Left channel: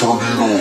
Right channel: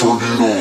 turn it on.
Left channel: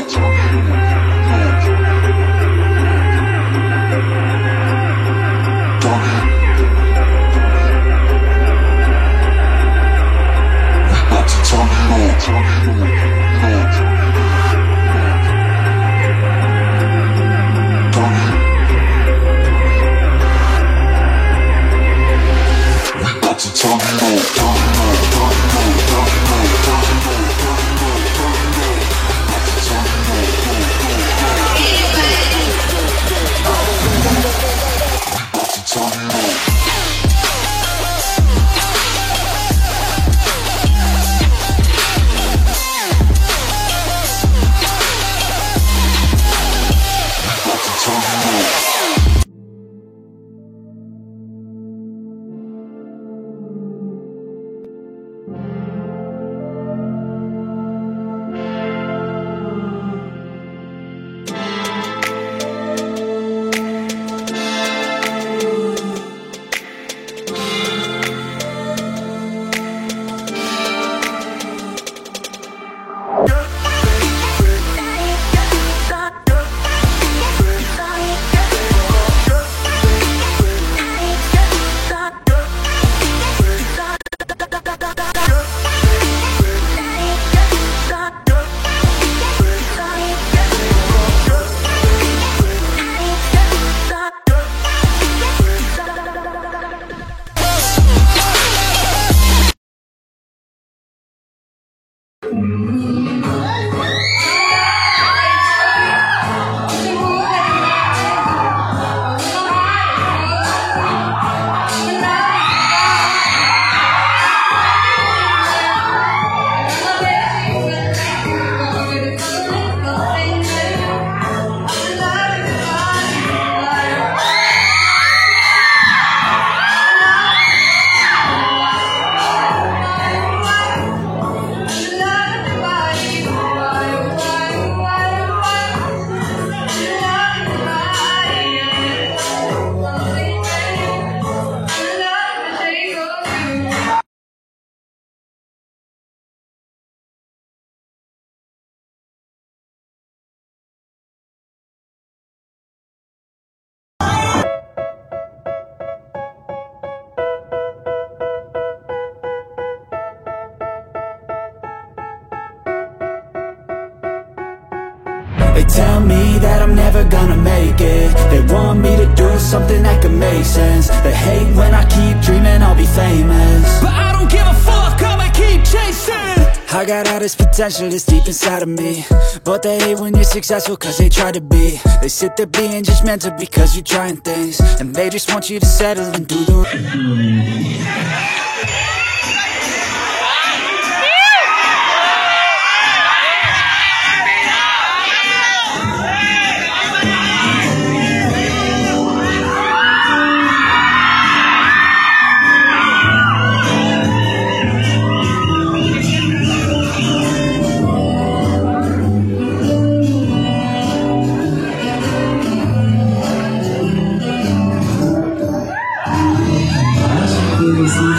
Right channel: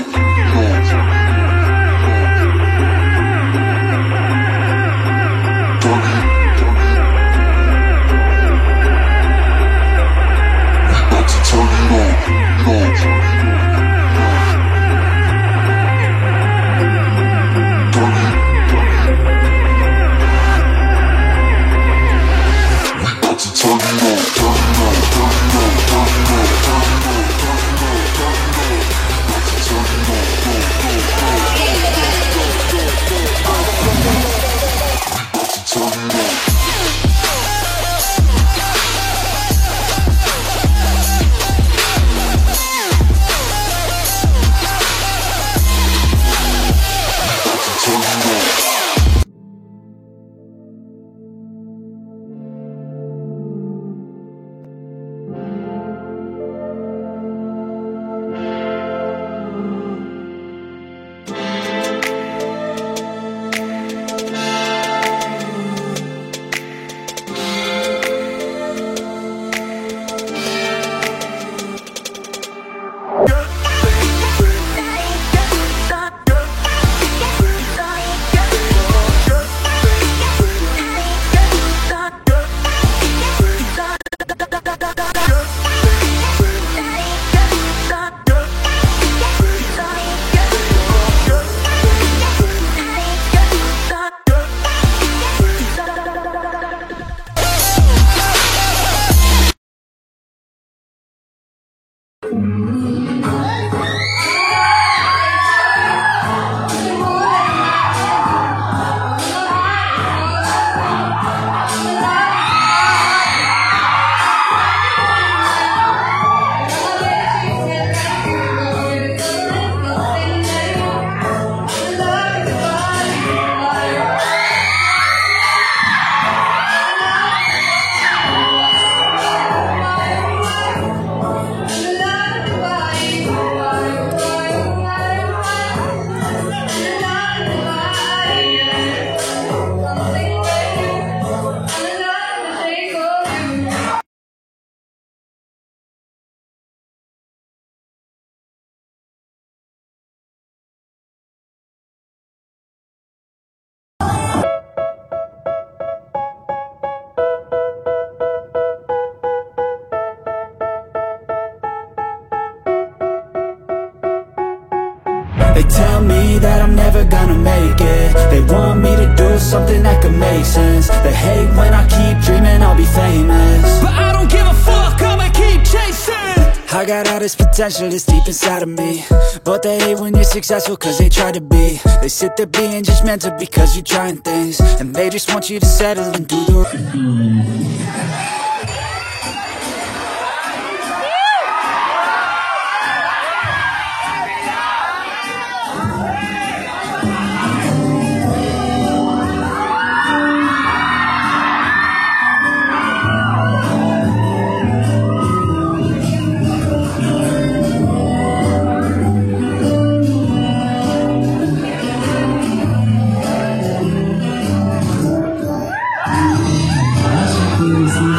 They tell me that I'm never gonna make it. They want me to do something that could make sense. They hate when I keep dreaming I'll be famous, but I don't give a fuck, I'ma keep chasing. I got all this potential that's deep inside of me, but they hate when you're successful cause they try to be. They sit there being judgmental because you're trying things, and they just want you to settle and do the Easy.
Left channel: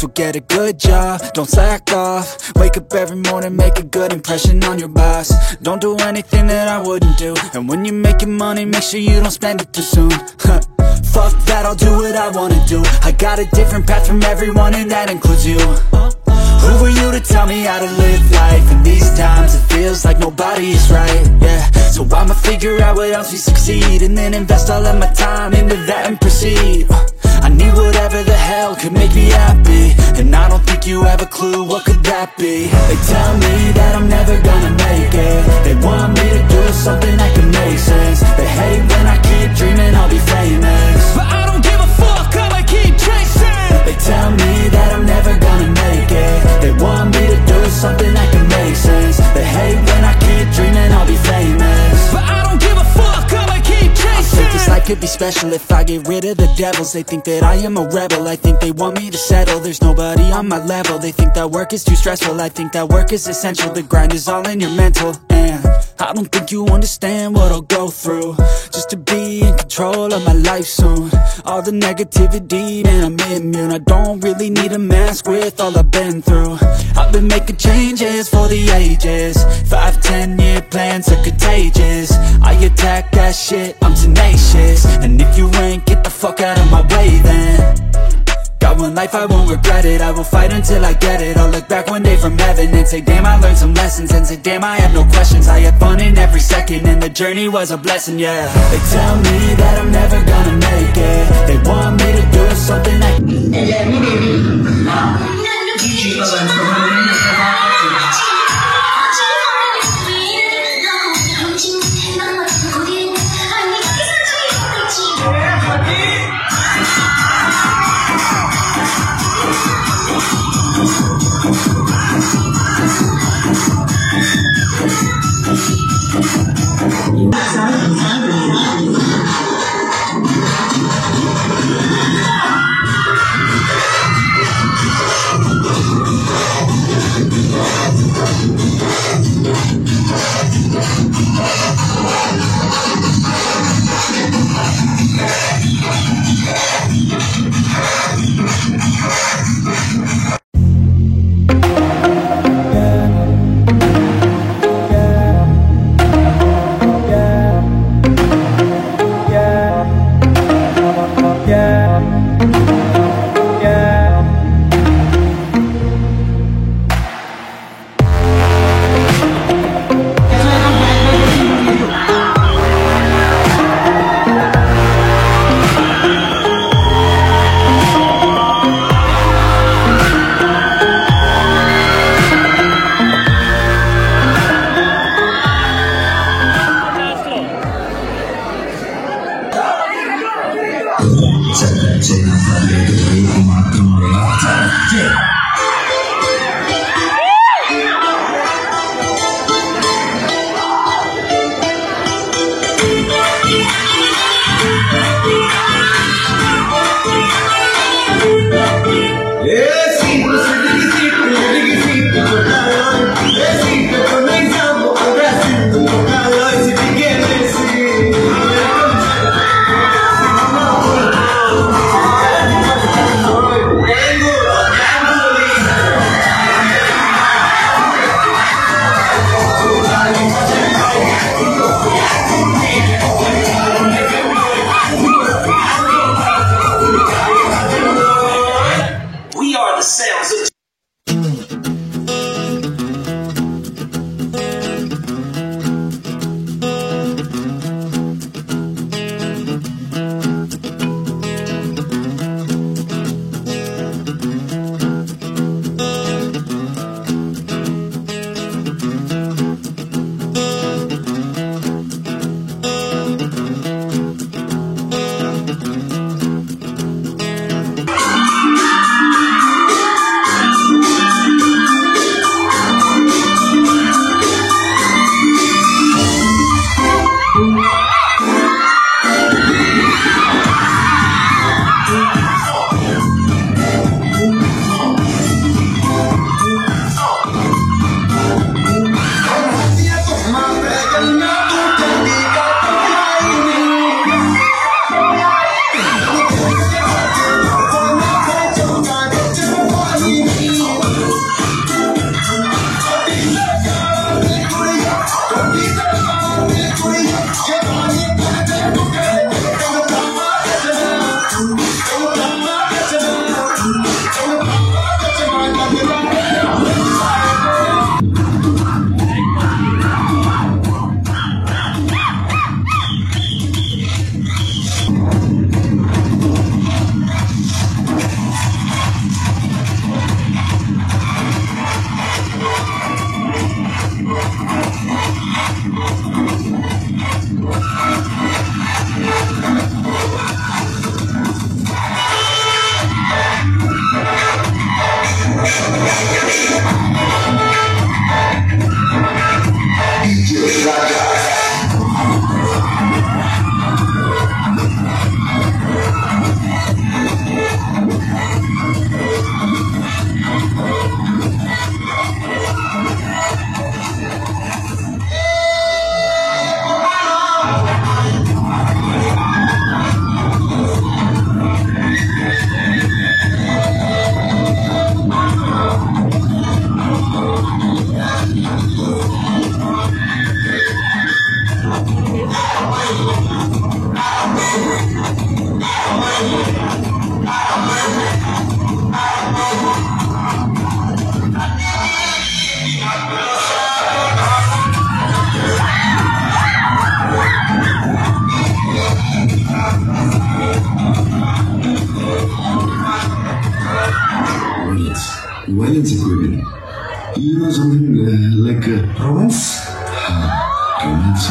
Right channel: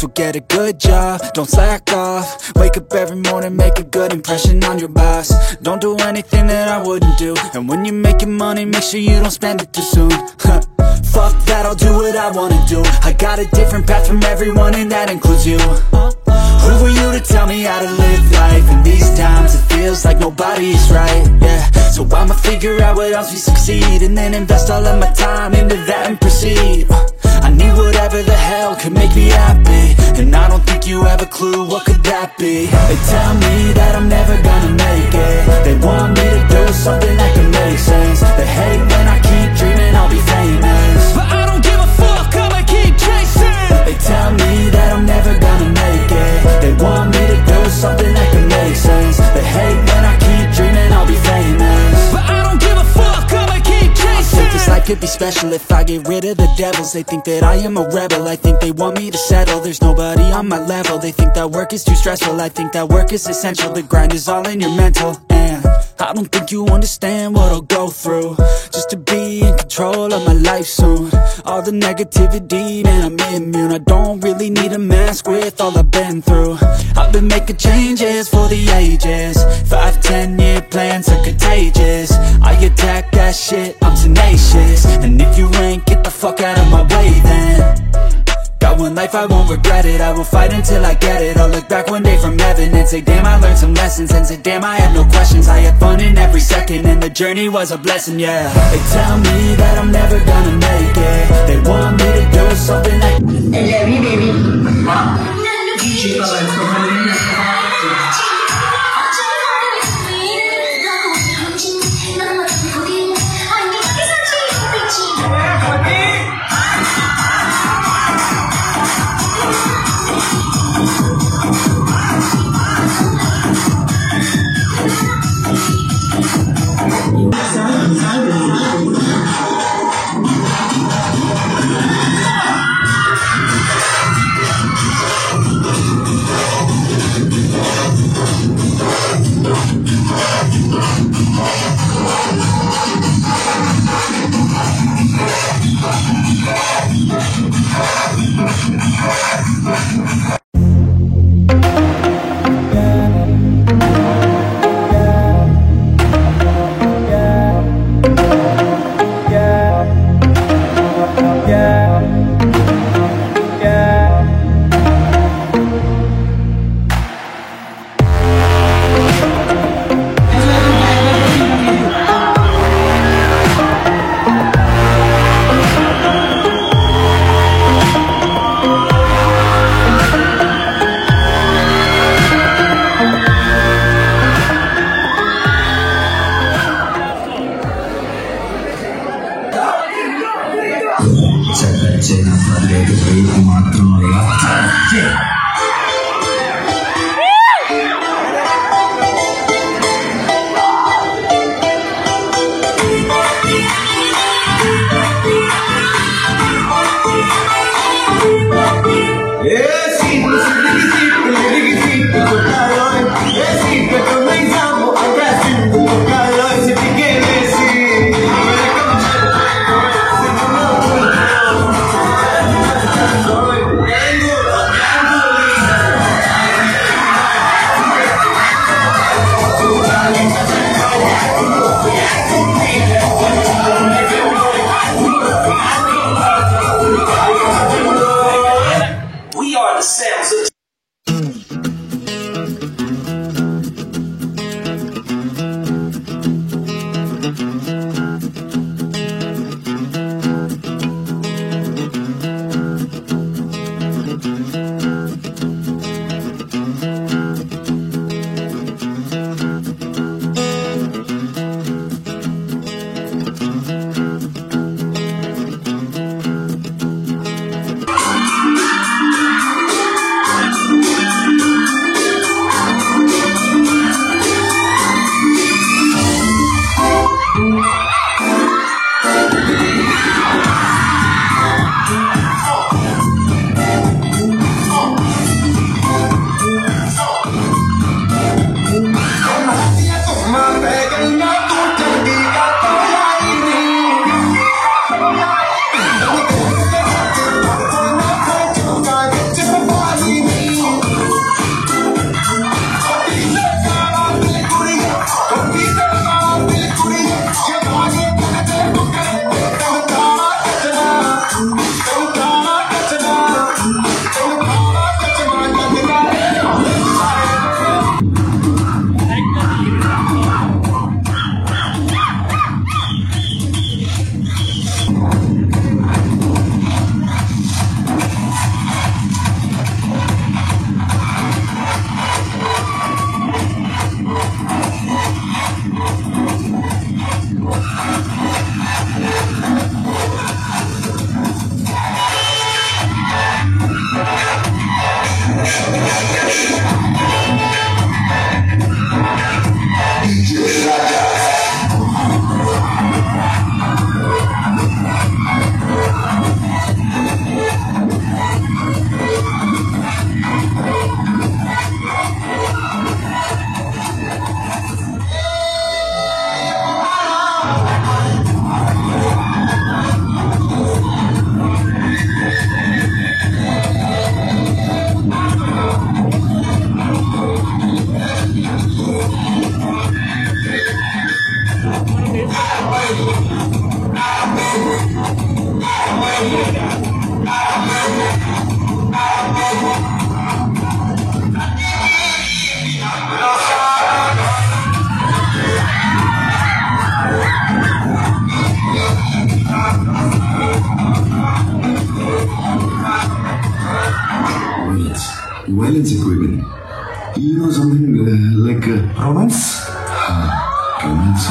So get a good job, don't slack off. Wake up every morning, make a good impression on your boss. Don't do anything that I wouldn't do. And when you're making money, make sure you don't spend it too soon. Fuck that, I'll do what I wanna do. I got a different path from everyone, and that includes you. Who are you to tell me how to live life? In these times it feels like nobody's right, yeah. So I'ma figure out what else we succeed, and then invest all of my time into that and proceed. I need whatever the hell could make me happy, and I don't think you have a clue what could that be. They tell me that I'm never gonna make it. They want me to do something that can make sense. They hate when I keep dreaming I'll be famous, but I don't give a fuck, I'ma keep chasing. They tell me that I'm never gonna make it. They want me to do something that can make sense. They hate when I keep dreaming I'll be famous, but I don't give a fuck, I'ma keep chasing. I think this life could be special if I get rid of the devils. They think that I am a rebel, I think they want me to settle. There's nobody on my level. They think that work is too stressful, I think that work is essential. The grind is all in your mental, and I don't think you understand what I'll go through just to be in control of my life soon. All the negativity, man, I'm immune. I don't really need a mask with all I've been through. I've been making changes for the ages. 5-10 year plans are contagious. I attack that shit, I'm tenacious. And if you ain't, get the fuck out of my way then. Got one life, I won't regret it. I will fight until I get it. I'll look back one day from heaven and say, damn, I learned some lessons. And say, damn, I have no questions. I had fun in every second, and the journey was a blessing, yeah. They tell me that I'm never gonna make it. They want me to do something that Violence agreement. You know something like romance? Romance.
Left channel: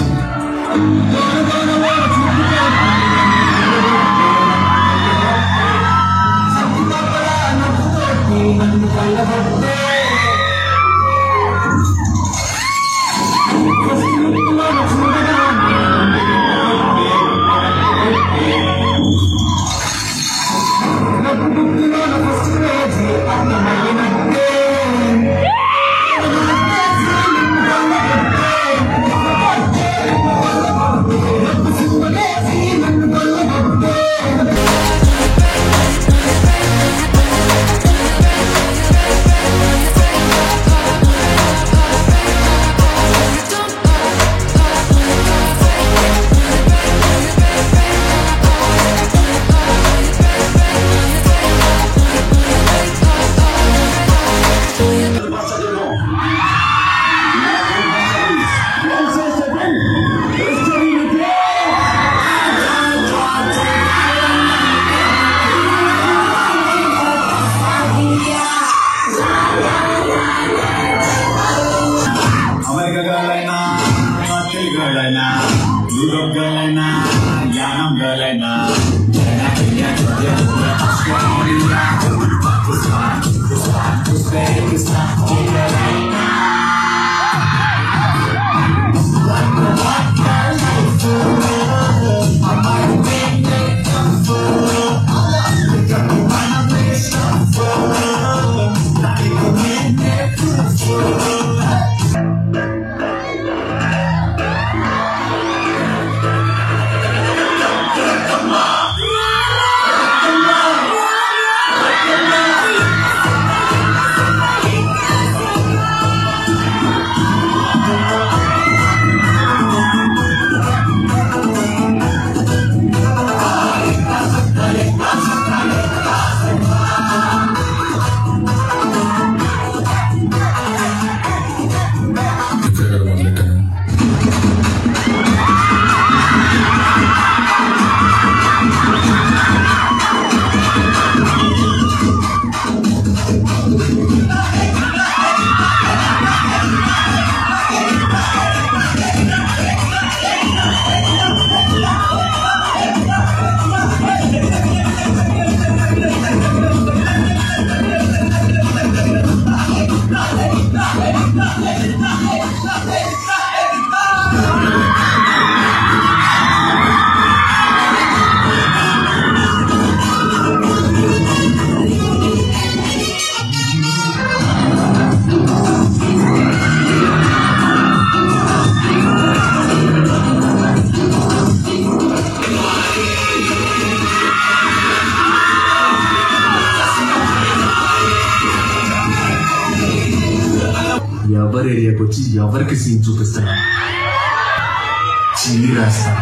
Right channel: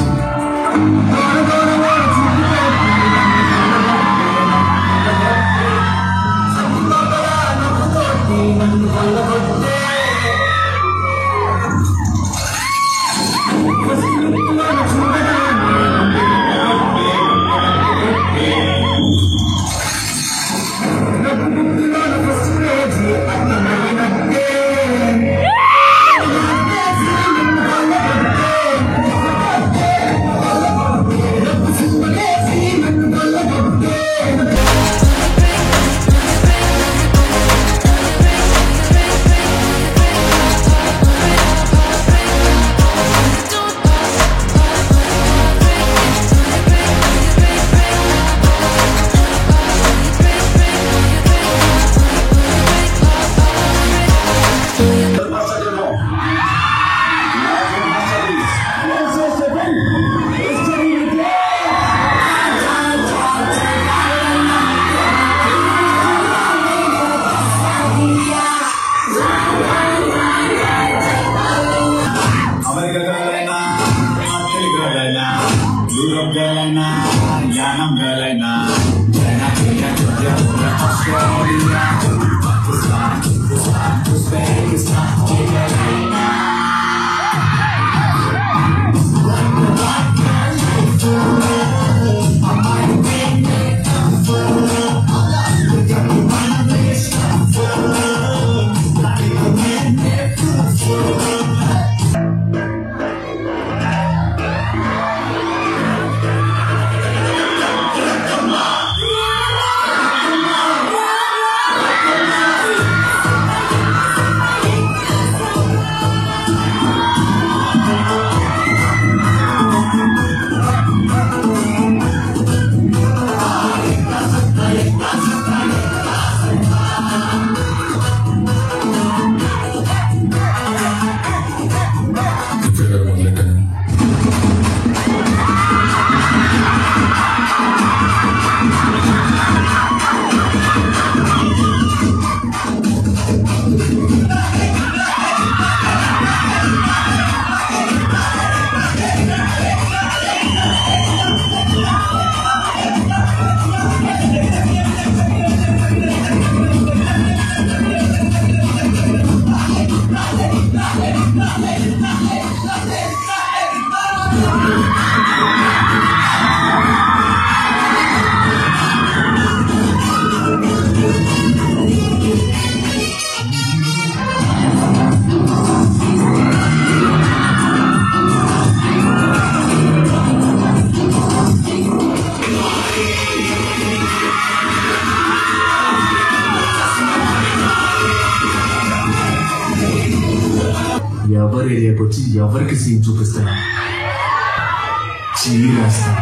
ఎవరి ఏరియాకి వచ్చి ఎవరికి scene చూపిస్తున్నా చీరేస్తా.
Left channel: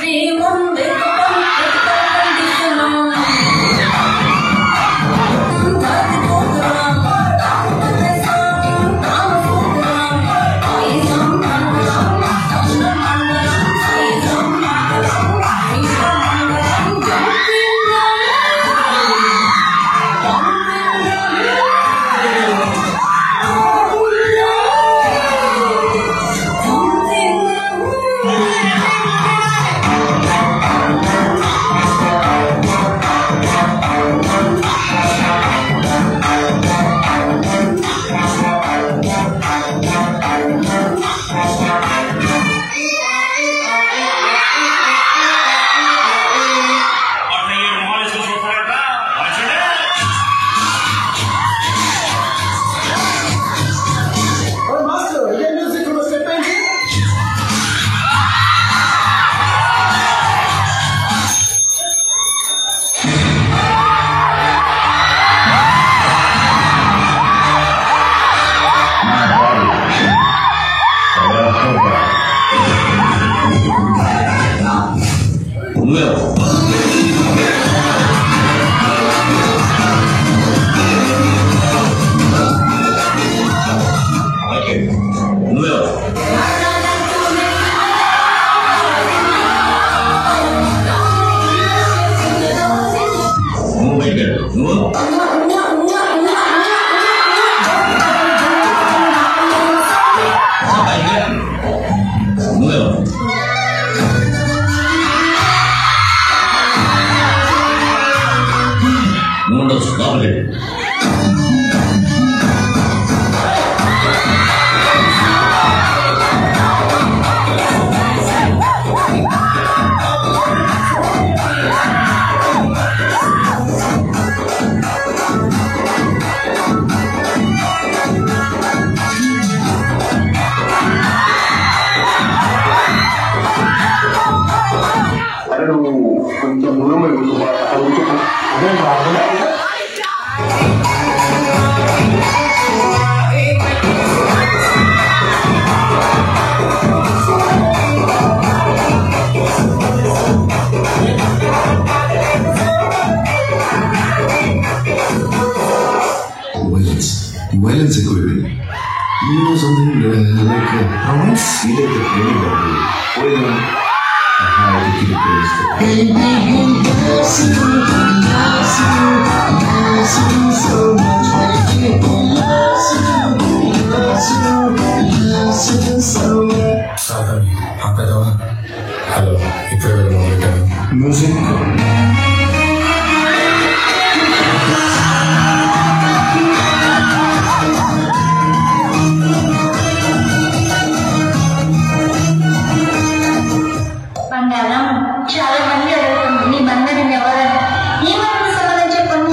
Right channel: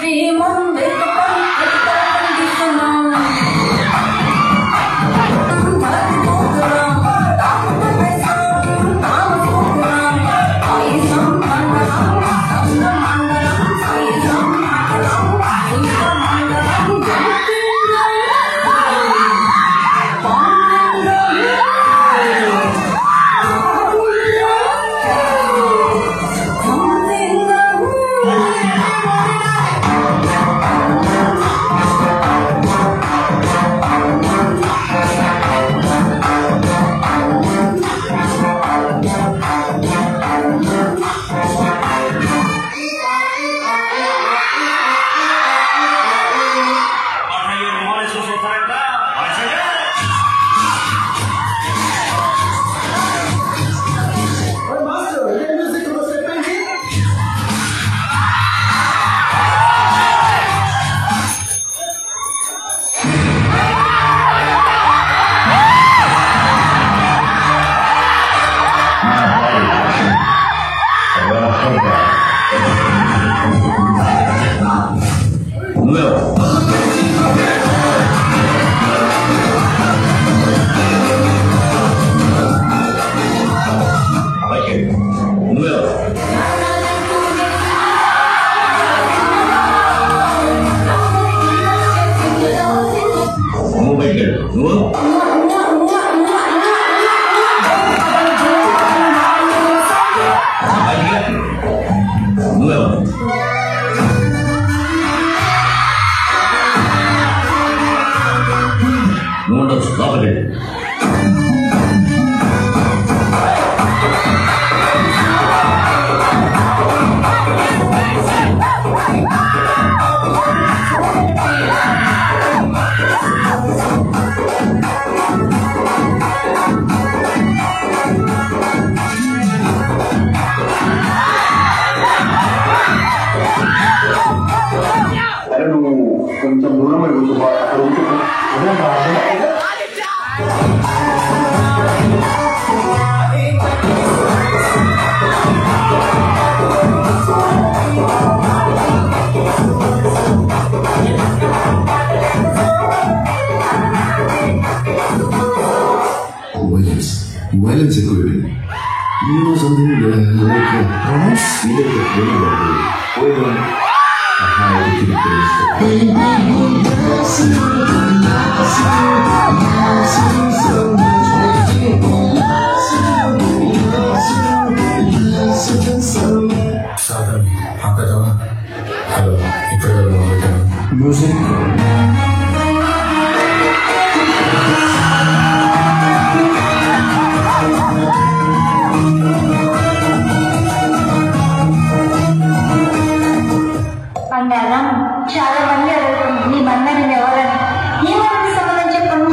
Hey, Monday. పెట్టాడు. ఉండొచ్చు లోపలి. కొంచెం దూరం అయిపోతుంది అక్కడ ఉంటే అదే రాదు. Violence equivalent. You know something like romance? Why don't I have to keep this? Hello ఇప్పుడు Music. బంగారం చాలా మంది అడుగుతుంది నీ బంగారం ఎవరని ఏమన్నా సమాధానం చెప్పను.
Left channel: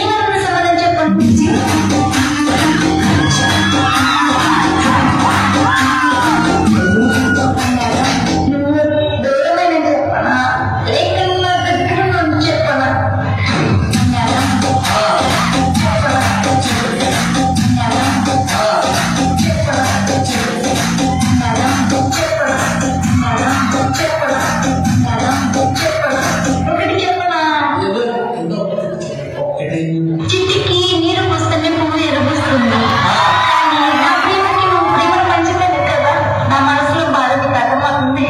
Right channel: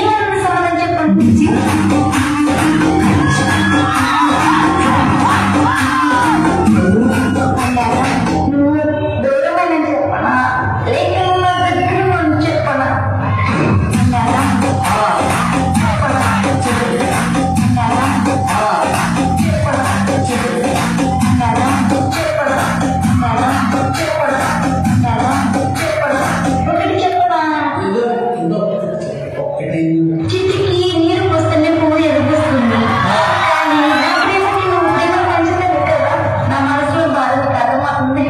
ఏమన్నా సమాధానం చెప్పను. నువ్వు దూరమని చెప్పనా లేక నువ్వు దగ్గర చెప్పనా. చిట్టికి నీరు పోస్తేనే పువ్వు ఎరుపుస్తుంది. కానీ నా ప్రేమకి నువ్వు ప్రేమ పంచుతుంది కదా, నా మనసులో బాధకు అర్థమవుతుంది.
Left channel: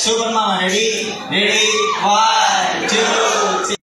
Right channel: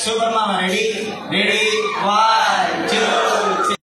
Super Mama, ready? Ready? 1, 2, 3.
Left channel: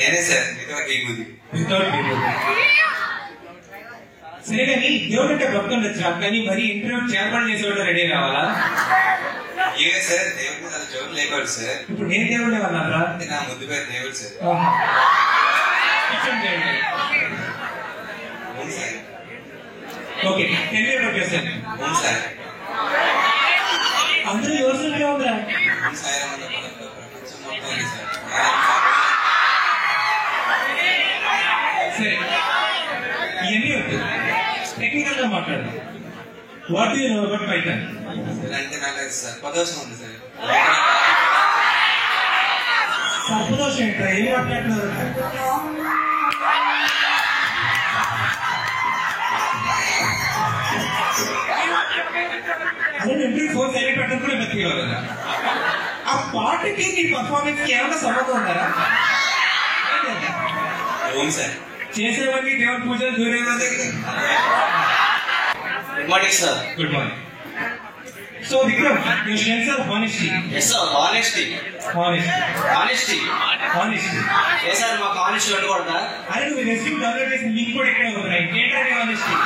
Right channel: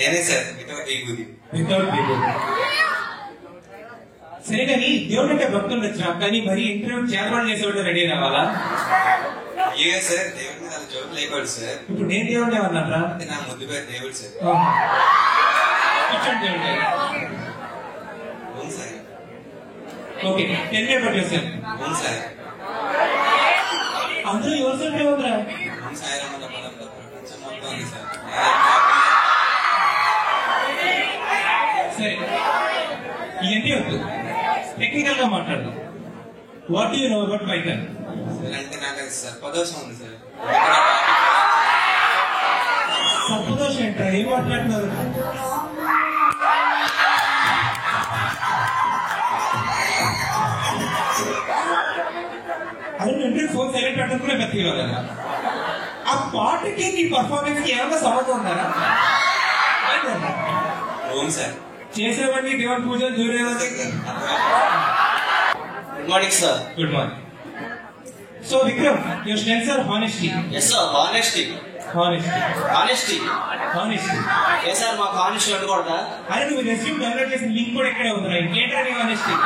నేనే సార్ విభూతి. వితౌట్ విభూతి. సరే కానీ దేవుడు అంటే భక్తులు ఉండొచ్చు, కానీ మరి ఇంటర్వ్యూ చేరబడి చేసేవాళ్ళు రెడీ కావాలా? ఏ సార్ దేవుడు నాకు జోడు లేకూడదు సార్. ఇప్పుడు నేను దేవుడే అన్నారా? నా ముద్దు పేరు దేవుడు సార్. అవును సార్. ఓకే, తెలియ పట్టేసాను. అవును సార్. అందరూ ఎవరు ఉందా? అవును సార్. ప్రపంచం మొత్తం ఉంది సార్. సరే, ఇవన్నీ వద్దు, టెక్నికల్ గా మాట్లాడు. What you know about Python? అంటే నాకు సర్పదోషం ఉంది సార్. సర్పదోషం ఏంటా? ఏం మాట్లాడుతున్నారు? అదే నేను ఫోన్ సైలెంట్ పెట్టడం కూడా ఫీల్ అవుతుందా? ఆ పాటకి నీ పర్ఫార్మెన్స్ కి ఏమైనా సంబంధం ఉందా? అవును సార్. చేసేవన్నీ దేవుని పూజలు దూరేది. Good morning sir. Good morning. So Vikram, your strengths are honesty. Yes sir, honesty. Honesty. Honesty. Honesty. Yes sir, మాకు honesty ఉండకూడదా? అరే నువ్వు రెస్యూమ్ డౌన్లోడ్ చేసిన లింక్ కూడా ఇక్కడే ఉందిరా. ఇంకేంటంటే honesty.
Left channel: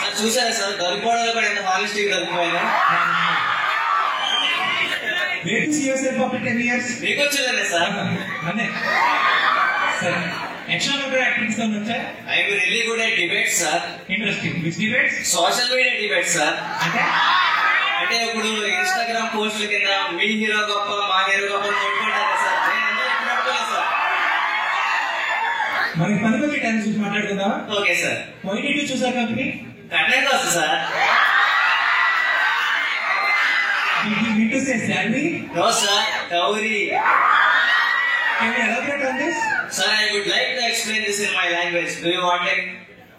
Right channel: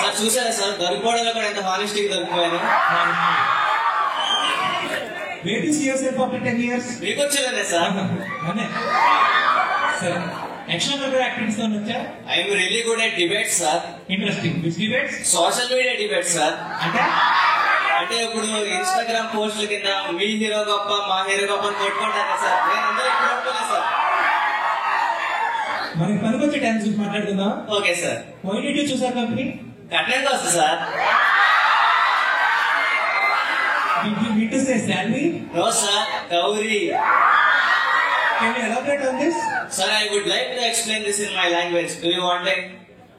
సార్ చూసారా సార్, దొరికిపోవడంలో కూడా ఎంత honesty దొరికిపోయాను. Where to see yourself after 10 years? మీకు వచ్చేదే సార్. అనే సరే, ఎక్స్ట్రా యాక్టివిటీస్ ఏమైనా వచ్చా? I M really good at debates sir. Interesting. Which debates? Social media debates sir. అంటే ఇప్పుడు ఇన్స్టాగ్రామ్ పోస్టుల కింద మీ హీరో గొప్ప మా హీరో గొప్ప కొట్టుకుంటారా సార్? నేను అందరూ ఎప్పుడు కొట్టుకోలేదు సార్. మనకి పనికి వచ్చే టైం చూసి మాట్లాడుకుందాం. Okay sir. Why did you choose our company? Content వస్తుంది sir. Did you mean to say salary? No sir, dowry. Can you elaborate on this? Sir, I would like to explain this in my language. Do you want it?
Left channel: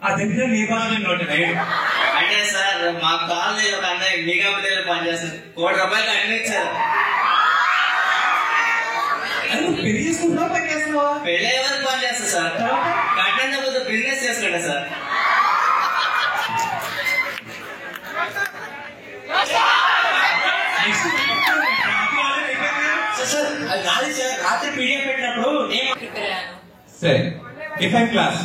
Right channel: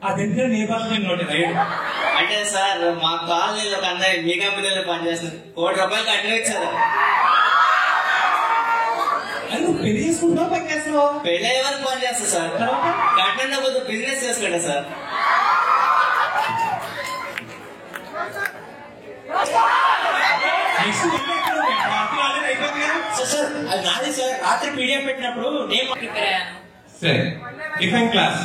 అదెంత నీ భాషలో note right. అంటే sir మా colony ఒక అన్నయ్య మీ కంపెనీలో పనిచేస్తుంది, ₹1,00,000 కట్టిన ఇచ్చారు. అది నువ్వు పెళ్లి చేసుకుంటున్నావా పని చేస్తున్నావా? పెళ్ళి ఎవరికి పని చేస్తా సార్, కట్టిన పోతే బిజినెస్ చేస్తాడా సార్? నాది సార్, రాత్రి పీడిఎఫ్ పెట్టినప్పుడు సరే డిఫరెంట్ క్లాస్.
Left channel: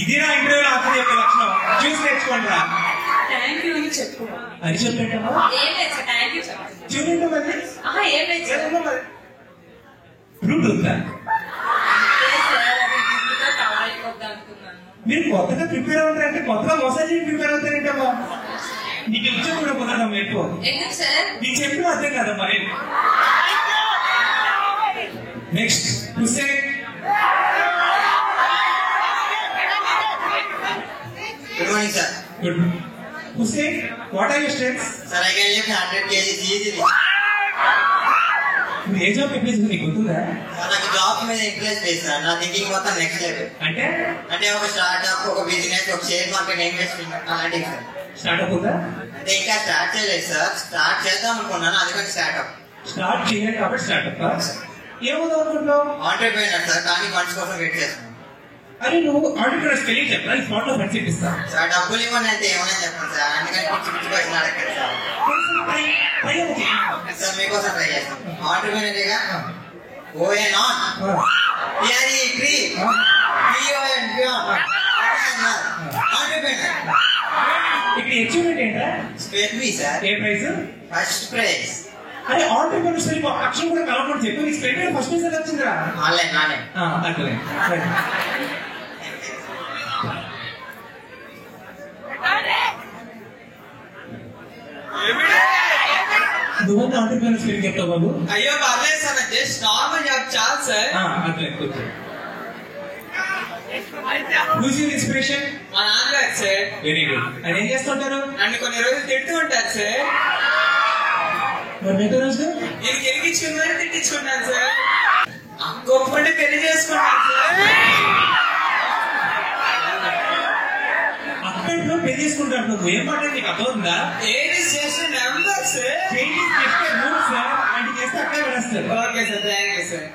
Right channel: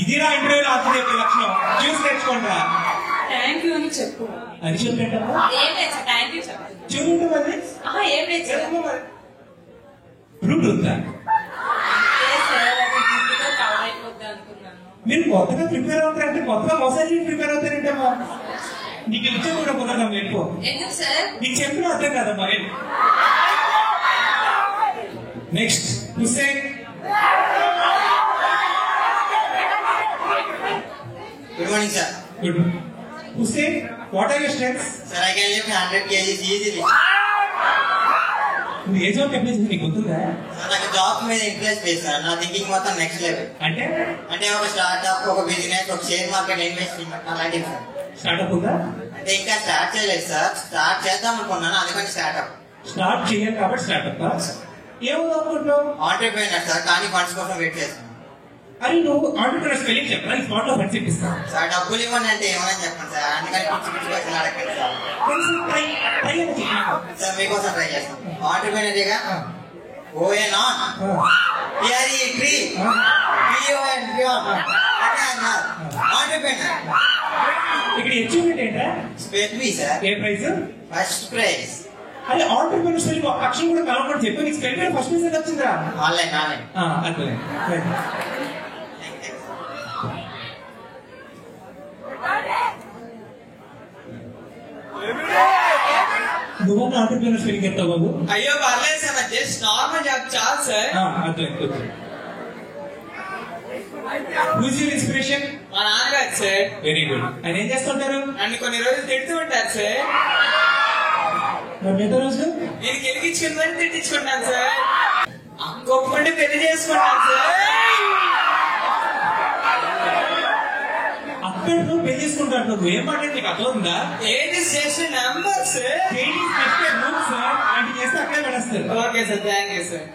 ఇదిరా ఇంటర్వ్యూలో ఆన్సర్ చెప్పే లక్షణం. చూసి నేర్చుకోండి రా. థ్యాంక్ యూ అని చెప్పు. అది చెప్పేటమ్మా ఫ్రూట్ ఉందా? మీరు కొత్తగా ప్రిపేర్ అవుతారంటే కొత్తగా మసాజ్ ప్రిపేర్ అవుతారేంటమ్మా? నీకు ఇచ్చే కూడా కుదరదమ్మా ఎక్కువ. నీకు చెప్పిన అర్థం కదమ్మా. Next Hussain. Good morning sir. Good. Hussain, what are your strengths? Sir I can lift 100 kgs easily. నువ్వు ఏ జాబ్ అప్లై చేసి నీకు గుర్తుందా? నాకు జాబ్ మీద ఇంట్రెస్ట్ లేదు సార్. నా థింకింగ్ మొత్తం నెక్స్ట్ లెవెల్. అంటే ఒక స్టార్ట్అప్, ఒక బిజినెస్, ఒక షేర్ మార్కెట్ ఇన్వెస్టింగ్ అలాంటివి సార్. స్టార్ట్అప్ ఉందా? అంటే ఇంకా స్టార్ట్ చేయలేదు సార్. స్టార్ట్ చేద్దాం అనుకున్నాను, అందుకని స్టార్ట్అప్. స్టార్ట్ చేయాలి కాబట్టి స్టార్ట్అప్. ఏమవుతుంది అనుకుంటున్నావు? ఆంటర్‌ప్రెన్యూర్ సార్, కానీ ఫండ్స్ కోసం వెయిట్ చేస్తాను. అని నువ్వు ఆంటర్‌ప్రెన్యూర్ స్పెల్లింగ్ చెప్పరా? స్పాట్ లో ఫండ్స్ ఇప్పిస్తా సార్. డబ్బులు ఇవ్వండి అంటే ఏమైనా చెప్పండి సార్, అందుకని పిచ్చి పిచ్చి క్వశ్చన్ అడగండి సార్. సార్ మీకోసం ట్రై చేస్తాను. ఆంటర్‌ప్రెన్యూర్గా O N on P R E free P O N బియాన్ ఆంటర్‌ప్రెన్యూర్. ఇక్కడ అచీవ్మెంట్ ఏంటా? Space B sir. A prize? First prize. అరే ఆంటర్‌ప్రెన్యూర్ స్పెల్లింగ్ అక్షరం కూడా కలవకూడదు. చెప్పి నీకు స్పెల్లింగ్ ఫస్ట్ ప్రైజ్ వచ్చిందా? ఆన్లైన్ అర్థమే. నువ్వన్నా ఆంటర్‌ప్రెన్యూర్ స్పెల్లింగ్ చెప్తావు బాబు? అయ్యో పర్లేదు సార్, జస్ట్ నార్మల్ జాబ్ చాలు సార్. అర్థమే. Who's your inspiration? మా నాన్నగారు సార్. Very good. ఆయన ఏం చేస్తుంటారు? నన్ను కొన్ని రోజులు తిడుతూ ఉంటారు సార్. మరి మిగతా రోజు నేను గెలిగించుకుని తిట్టించుకుంటాను సార్. గొప్పటి పెళ్లి చేసుకుంటాను సార్. అక్కడిలో పెళ్లి చేసుకుంటారు. నువ్వు ఏం మాట నీకు అర్థం ఉందా? ఏది చేసిన నెంబర్ సార్. చెప్పే రూల్ సార్. ఆయన చేస్తే అక్కడే వెళ్ళేస్తారు. Okay sir, thank you sir.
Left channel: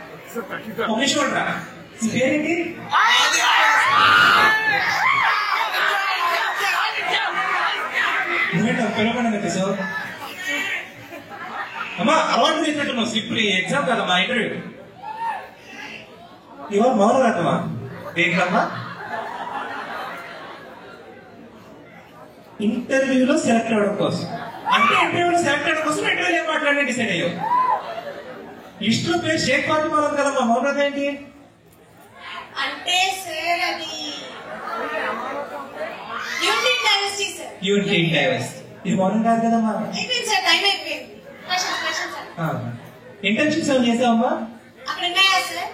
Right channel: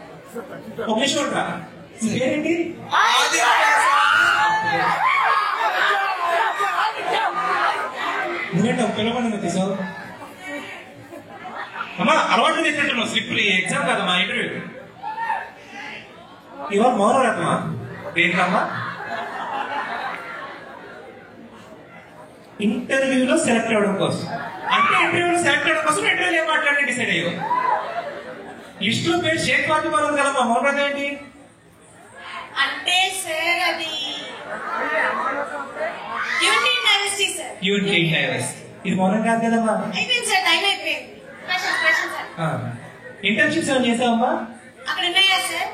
ఒక నిమిషం రా. పేరేంటి? నువ్వేంటి పిలవకుండా తెప్పిసావు? అమ్మ అమ్మా అలవాటు చేసినట్టు స్లిప్ ఎగ్జామ్ కదమ్మా ఇంటర్వ్యూ. ఇవాళ మౌనవ్రతమా దేంట్లమ్మా? ఇంటర్వ్యూలో సెలెక్ట్ అవ్వడం కోసం. అంటే ఇంటర్వ్యూలో సెలెక్ట్ అవ్వడం కోసం ఇంటర్వ్యూలో ఏం మాట్లాడే డిసైడ్ అయ్యారు. లిస్ట్ లో పేరు షేక్ ఫాతిమా ఉంది కదమ్మా, మౌనవ్రతం ఏంటి? అంటే సార్ అది union diversity sir. Union diversity ఇది మౌనం కాదు కదమ్మా. అయిపోయింది సార్, టైం అయిపోయింది. Question sir. ఇంటర్న్షిప్స్ ఏమైనా చేసావమ్మా? అక్కడ ఉన్నాయా సార్?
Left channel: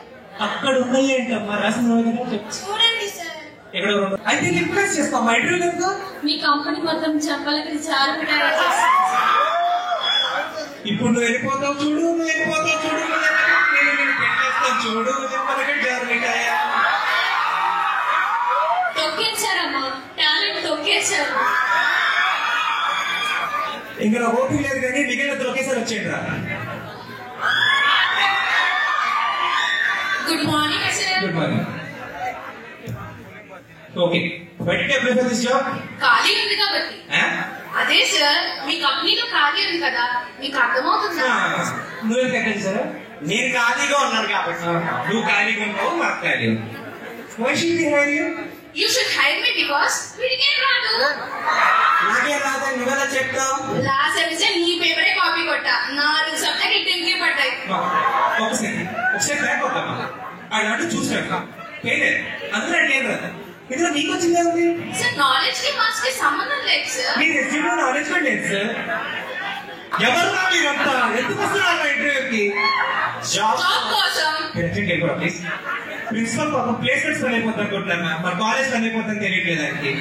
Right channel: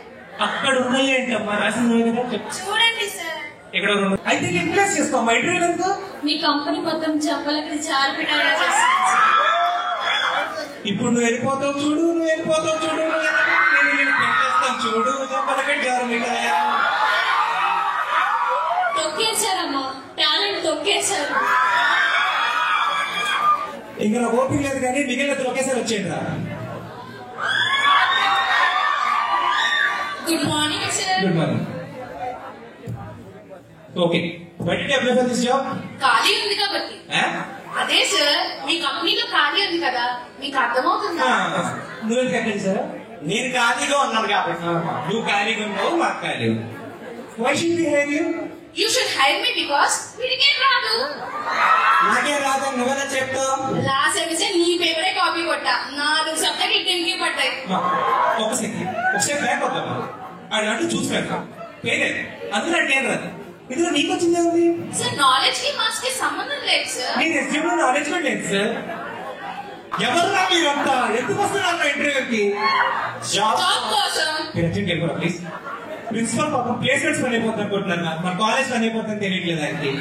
అక్కడ ఉన్నాయి ఏంటమ్మా, రాసింది కదా చెప్పు. చూడండి సార్. ఇక్కడ అయితే రిప్లేస్ చేస్తాం ఇంటర్వ్యూ ఎందుకు? మీ కంపెనీ మొత్తం చెప్పాలని చాలా పెట్టాలి చేస్తాను. ఇప్పుడు నువ్వు వెళ్ళిపోతావు చూడు, నువ్వు వెళ్ళిపోతావు చూడు, నేను పెట్టేస్తాను చూడు, చెప్పలకి జారుతాయా? తొక్కేశారమ్మా, టాలెంట్ తొక్కేశారు. ఇంకా నాకు ఓపిక లేదు కానీ మిగిలిన ఒకేసారి వచ్చేయండి రా. Good morning sir. Good morning. Okay, బయటికి అప్లై తీసుకో. ఖాళీ ఉంది కాబట్టి. అదే సార్, మీ కంపెనీలో ఖాళీ ఉంది కదా, మీకు అర్థమవుతుందా? నువ్వేం కట్టండి సార్? నేను ఖాళీగా ఉన్నాను కాబట్టి. నువ్వు ఖాళీగా ఉన్నావు, మాకు ఖాళీ. You should hire me because వీడికేం రాదు. నాకేం రాదని నువ్వెలా చెప్తావు? లాస్ట్ సెమిస్టర్ నీ పేపరే కాపీ కొట్టా, 4 సబ్జెక్ట్ ఇంటికి పడ్డాయి. ఒకసారి బ్యాక్ అవుతాను అలాంటి చూసినట్టు పేలేదు అందులో ఏం రాదు. ఇందులో నీకు వచ్చింది ఏమిటి సార్? నాలెడ్జ్ కి మార్క్స్ కి సంబంధం లేదు సార్. నీ రెస్యూమ్ లో నాలెడ్జ్ కూడా లేదు సార్. ఎవరు మీరంతా ఎందుకు వస్తున్నారు ఇంటర్వ్యూకి? జాబ్ కోసం. ప్రిన్సిపల్ పాపం ప్లేస్మెంట్స్ పని అయిపోతుంది అనుకుంటున్నా, మా కాలేజ్ పని అయిపోతుంది తెలియట్లేదు ఆయనకి.